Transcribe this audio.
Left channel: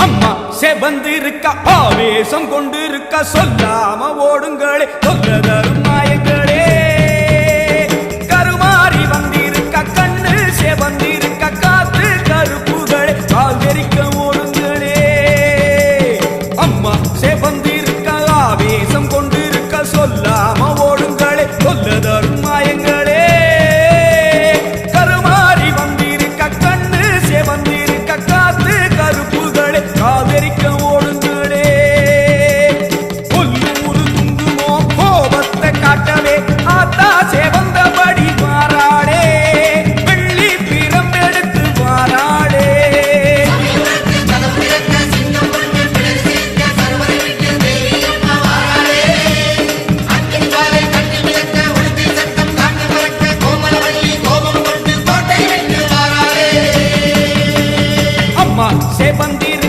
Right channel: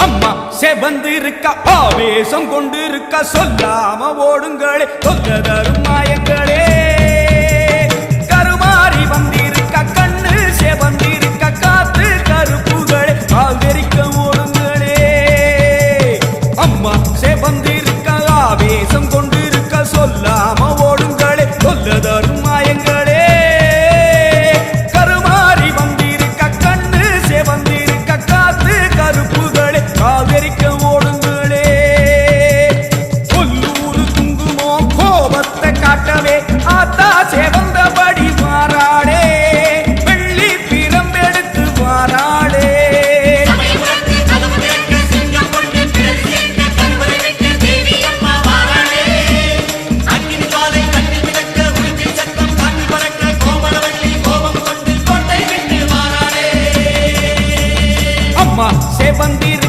அம்மா செவந்து இருக்கா ஆவேசம் கொண்டு இருக்கா சொல்லாம ஓடுங்களே சொல்ல தரும் நாயங்களே கருமாறி வந்திருக்கா கண்ணு செவந்திருக்கா காத்து கருப்புகளே கால் தெரிக்க ஓடுங்களே. அம்மா செவந்திருக்கா ஆவேசம் கொண்டு இருக்கா சொல்லாம ஓடுங்களே சொல்ல தரும் கருமாறி வந்திருக்கா கண்ணு செவந்திருக்கா காத்து கருப்பு தப்பிக்க ஓடுங்களே. கொல்லூரு துங்குமோ கோபத்தை காட்டவே ஆத்தா செவந்தபடி வாராடே வெள்ளி பிரம்பெடுத்து வாராடே அம்மா செவந்திரு